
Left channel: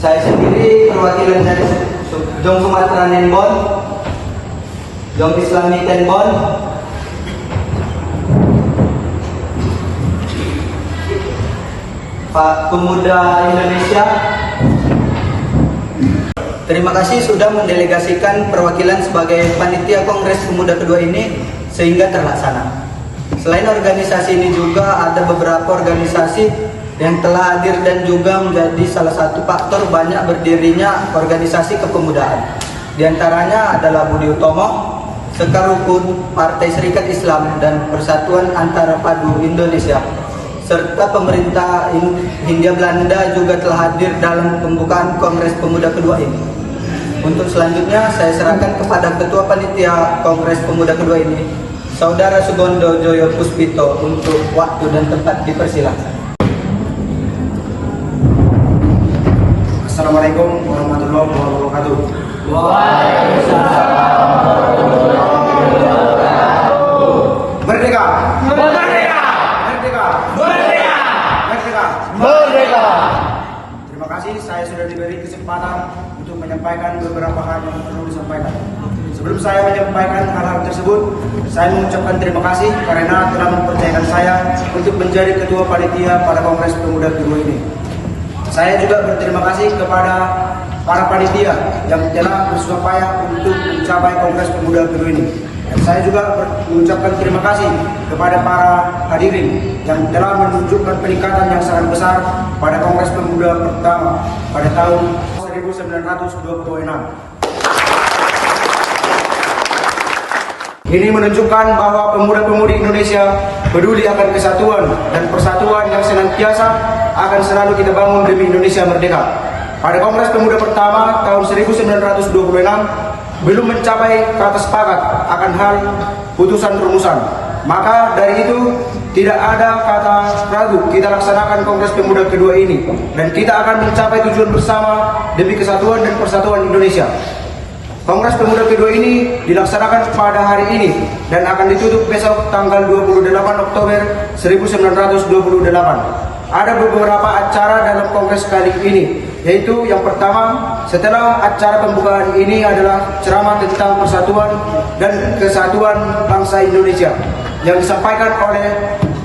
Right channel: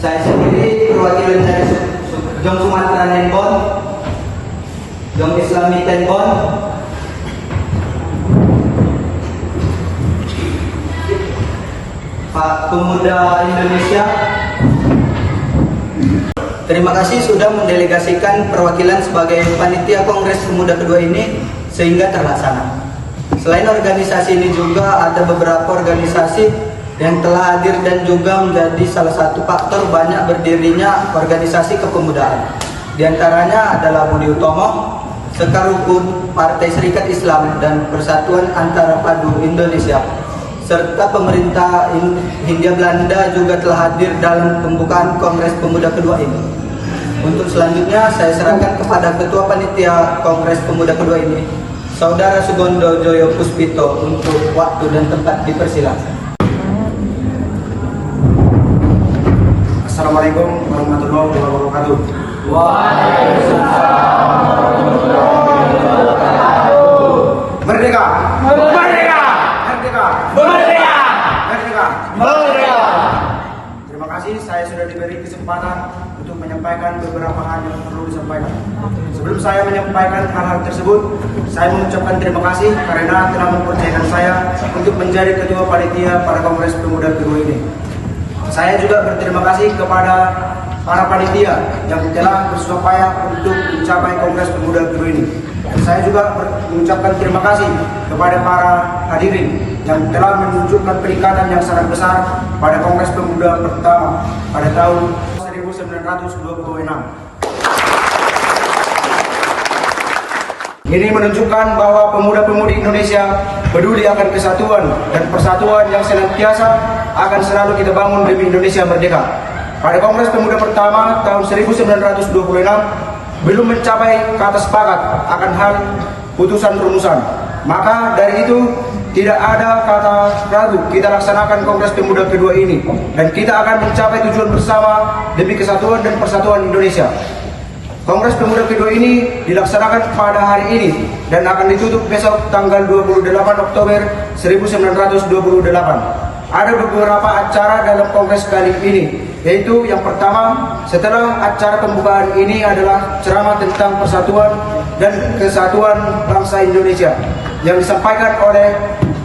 saya sendiri perwakilan dari Jong Sumatera Nenbon, Jong Islamic Nenbon, Pak Pemuda Indonesia. Terima kasih sudah mendelegasikan perwakilan sebagai panitia Kongres Pemuda kedua ini sehingga terlaksana. Selain organisasi ini juga ada beberapa organisasi yang telah hadir dan juga menjadi salah satu faktor banyak berdirinya organisasi kepemudaan. Di antaranya adalah Budi Utomo, Sekar Rukun, Partai Serikat Islam, dan Persatuan Antara Padu Indonesia, serta pemerintah Hindia Belanda juga telah hadir dalam pembukaan Kongres Pemuda kedua ini. Untuk selanjutnya saya serahkan kepada Ketua Panitia Kongres Pemuda kedua ini, Saudara Sugondo Joyo Puspito, untuk waktu dan tempat dipersilakan. Assalamualaikum warahmatullahi wabarakatuh. Merdeka! Merdeka! Merdeka! Merdeka! Merdeka! Merdeka! Terima kasih, saya sudah diberi kesempatan untuk menyampaikan beberapa hal yang perlu disampaikan. Sebelum saya menyampaikan hal-hal tersebut, saya mengucapkan terima kasih karena telah mempercayakan saya untuk menjadi Ketua Panitia pada Kongres Pemuda kedua ini. Saya juga berterima kasih kepada para panitia yang telah bersusah payah untuk mencapai Kongres Pemuda kedua ini. Dan saya juga mengucapkan terima kasih kepada para hadirin yang telah menunjukkan peningkatan yang sangat besar pada Kongres Pemuda pertama pada tahun 1926. Ini menunjukkan bahwa pemuda-pemudi Indonesia peduli akan kesatuan dan persatuan yang senantiasa akan selalu kita bangun demi Indonesia merdeka. Pada Kongres Pemuda pertama tahun 1926 belum mencapai kata sepakat akan hal putusan rumusan. Maka dari itu tidak ada kata ragu kita laksanakan Kongres Pemuda kedua ini, dan kita akan mencapai tujuan bersama demi kesatuan dan persatuan Indonesia. Kongres Pemuda kedua ini dilaksanakan pada hari ini dan akan ditutup besok tanggal 28 Oktober 1928. Ada beberapa acara dalam kongres kali ini, yaitu yang pertama, setelah acara pembukaan ini adalah ceramah tentang persatuan dan kesatuan bangsa Indonesia yang disampaikan oleh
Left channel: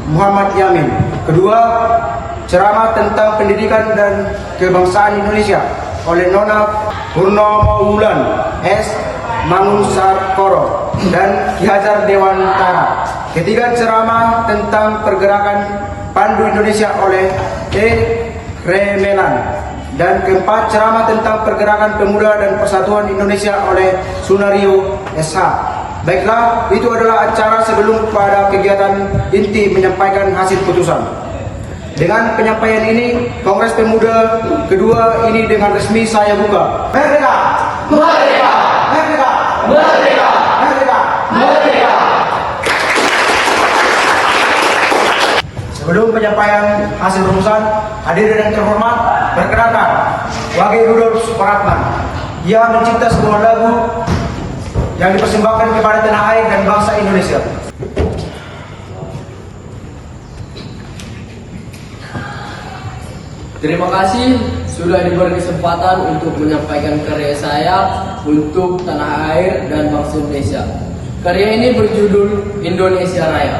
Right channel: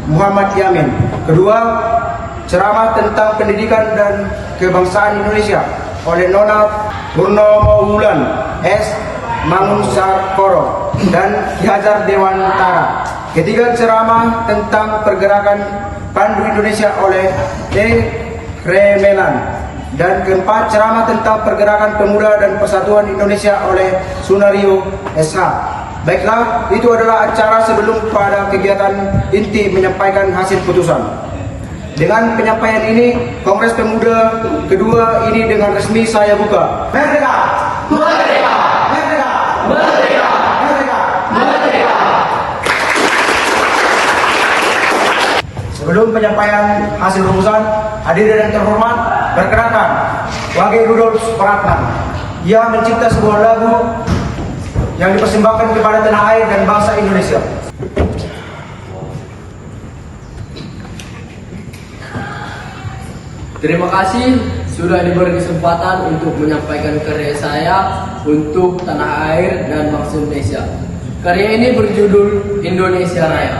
Muhammad Yamin. Kedua, ceramah tentang pendidikan dan kebangsaan Indonesia oleh Nona Purnomo Wulan S. Mangunsarkoro dan Ki Hajar Dewantara. Ketiga, ceramah tentang pergerakan Pandu Indonesia oleh E. Remelan. Dan keempat, ceramah tentang pergerakan pemuda dan persatuan Indonesia oleh Sunario SH. Baiklah, itu adalah acara sebelum pada kegiatan inti menyampaikan hasil putusan. Dengan penyampaian ini, Kongres Pemuda kedua ini dengan resmi saya buka. Merdeka! Merdeka! Merdeka! Merdeka! Merdeka! Merdeka! Sebelum penyampaian hasil rumusan, hadirin yang terhormat, perkenalkan Wage Rudolf Supratman. Ia mencipta sebuah lagu yang dipersembahkan kepada tanah air dan bangsa Indonesia. Terima kasih sudah diberi kesempatan untuk menyampaikan karya saya untuk tanah air dan bangsa Indonesia. Karya ini berjudul Indonesia Raya.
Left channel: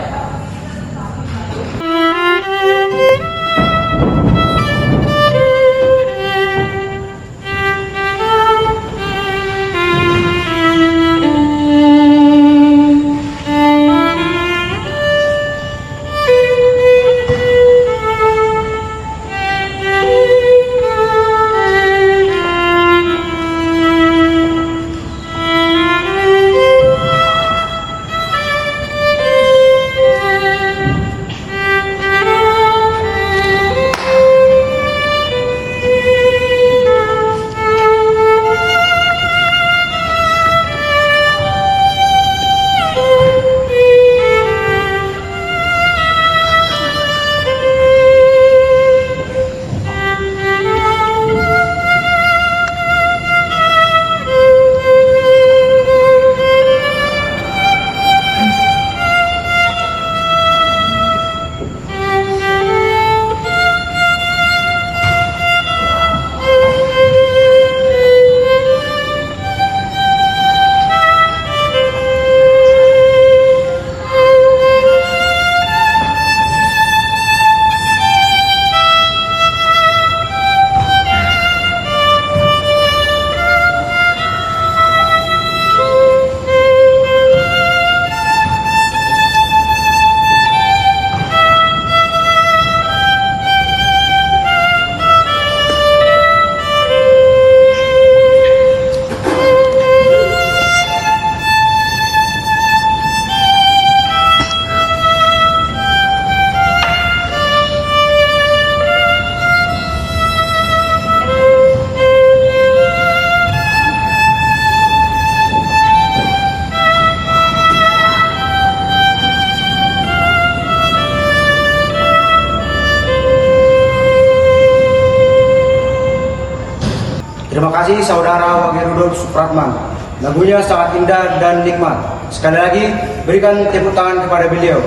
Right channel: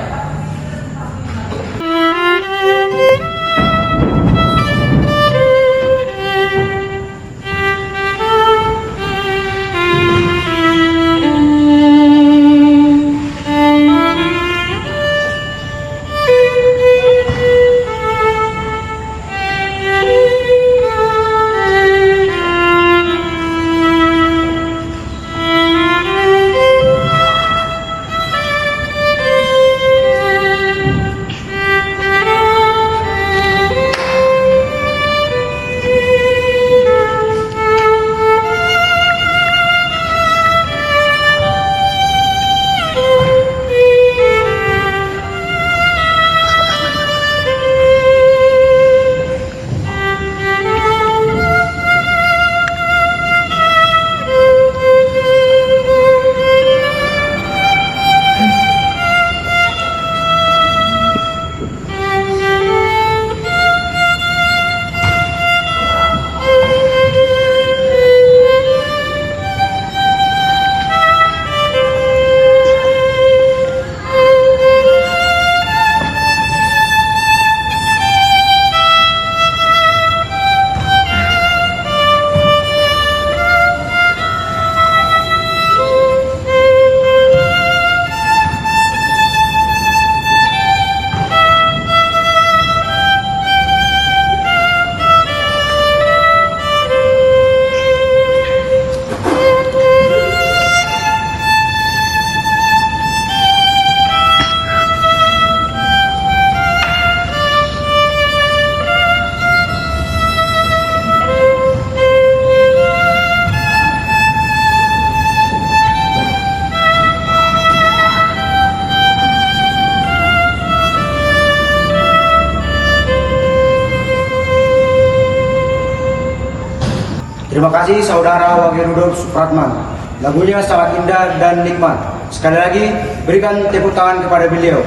Terima kasih Saudara Wage Rudolf Supratman. Lagunya sangat indah dan nikmat. Sekali lagi, berikan tepuk tangan kepada beliau.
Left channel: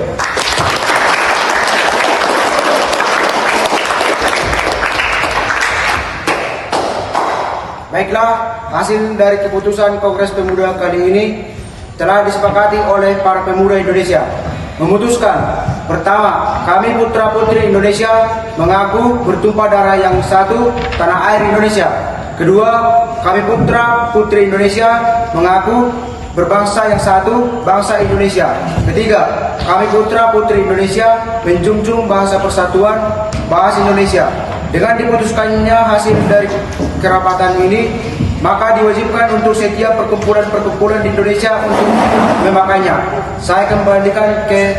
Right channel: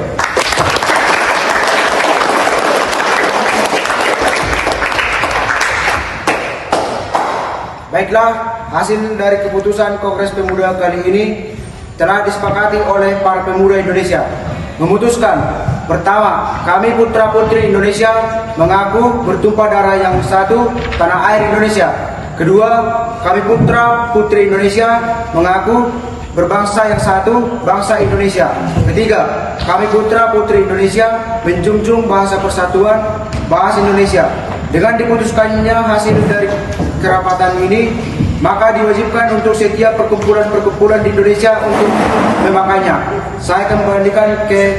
Baiklah, hasil dari keputusan Kongres Pemuda kali ini telah disepakati oleh para pemuda Indonesia. Memutuskan, pertama, kami putra-putri Indonesia mengaku bertumpah darah yang satu, tanah air Indonesia. Kedua, kami putra-putri Indonesia mengaku berbangsa yang satu, bangsa Indonesia. Ketiga, kami putra-putri Indonesia menjunjung bahasa persatuan, bahasa Indonesia. Dengan diputuskannya hasil dari kerapatan ini, maka diwajibkan untuk setiap perkumpulan-perkumpulan di Indonesia untuk memakainya. Saya kembalikan ke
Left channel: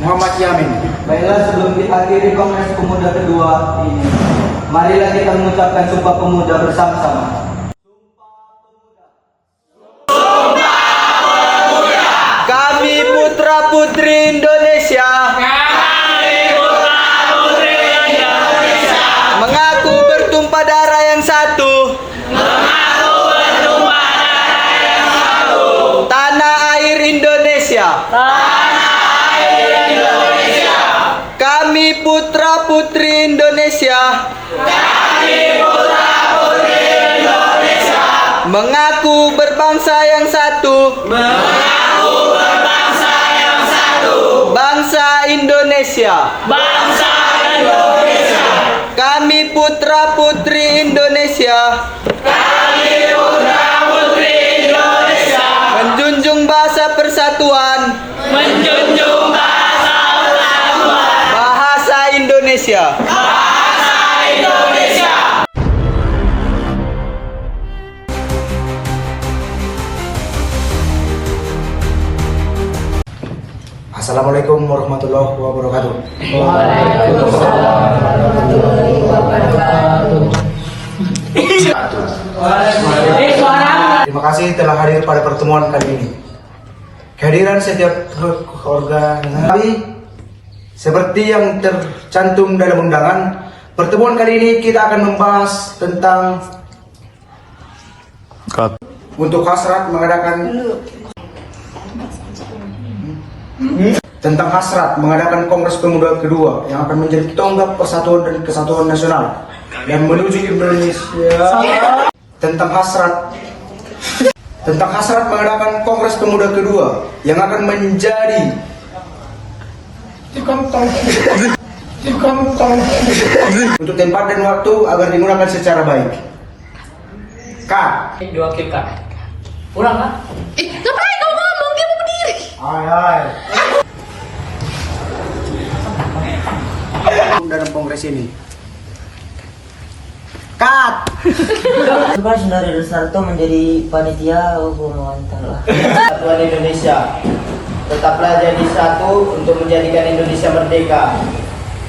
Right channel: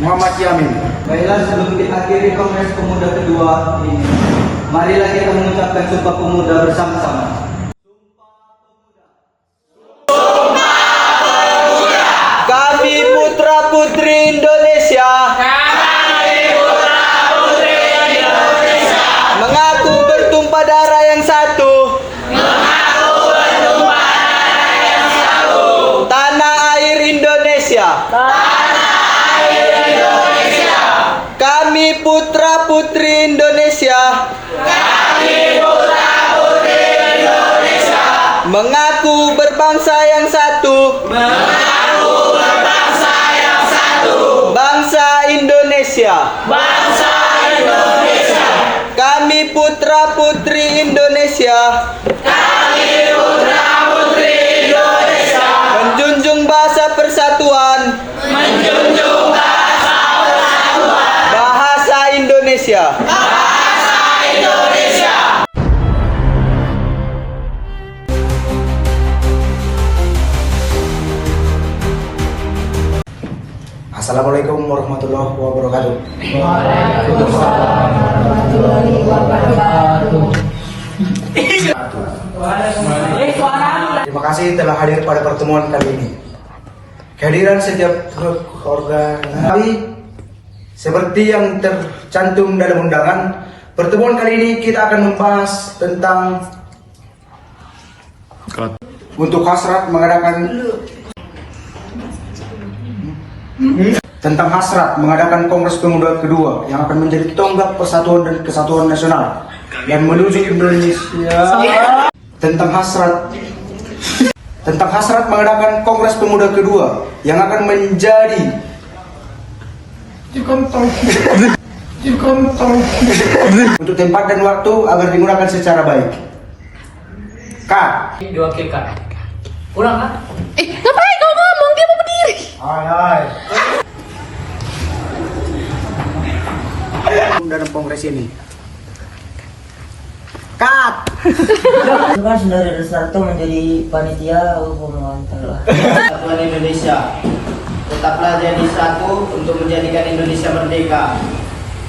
Muhammad Yamin. Baiklah, sebelum diakhiri Kongres Pemuda kedua ini, marilah kita mengucapkan Sumpah Pemuda bersama-sama. Kami putra-putri Indonesia. Mengaku bertumpah darah yang satu. Tanah air Indonesia. Kami putra-putri Indonesia. Mengaku berbangsa yang satu. Bangsa Indonesia. Kami putra-putri Indonesia. Menjunjung bahasa persatuan. Bahasa Indonesia. Assalamualaikum warahmatullahi wabarakatuh. Terima kasih telah hadir pada pertemuan kali ini. Kehadiran setiap organisasi seperti yang tercantum dalam undangan, pertemuan kali ini kita akan membahas tentang untuk hasrat mengadakan Kongres Pemuda kedua yang akan menjadi tonggak persatuan dan kesatuan nasional dan menuju Indonesia. Tentang hasrat mengadakan Kongres Pemuda kedua yang akan menjadi untuk tempat dan waktu agar digunakan secara baik. Kak, Diwakilkan. Pulang kan? Ngapain kau ngomong? Dia mau berdiri. hai. Dalam kongres ini. Kat. Coba Saudara Rusarto menjadi panitia mantap. Persatuan Indonesia. Tetaplah jadi satu untuk menjadikan Indonesia merdeka.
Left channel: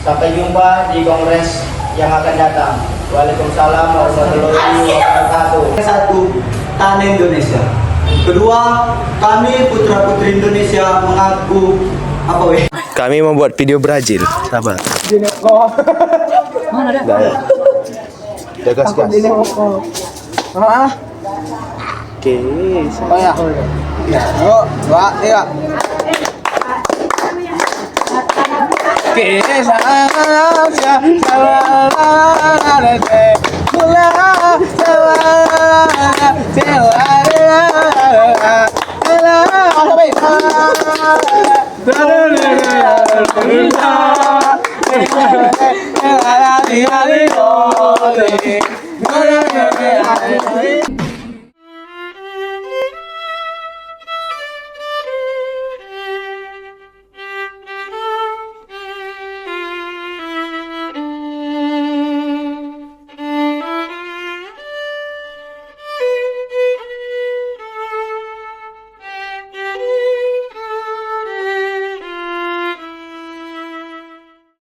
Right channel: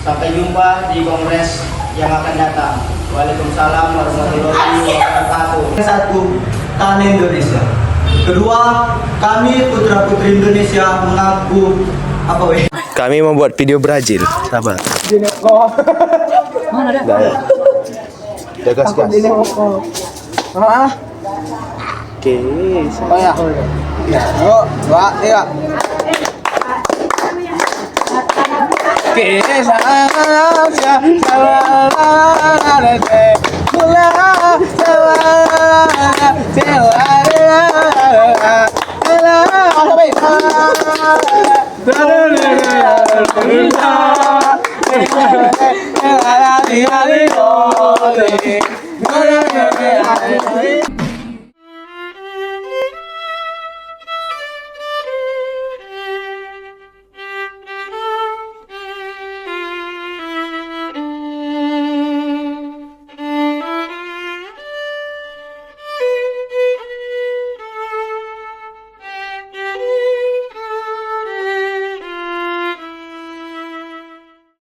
Sampai jumpa di kongres yang akan datang. Waalaikumsalam warahmatullahi wabarakatuh. Satu, tanah Indonesia. Kedua, kami putra-putri Indonesia mengaku Kami membuat video Brazil. Sabar. Mana ada? Gas. Oke. Oh ya. Ya. Yuk, 2, 3.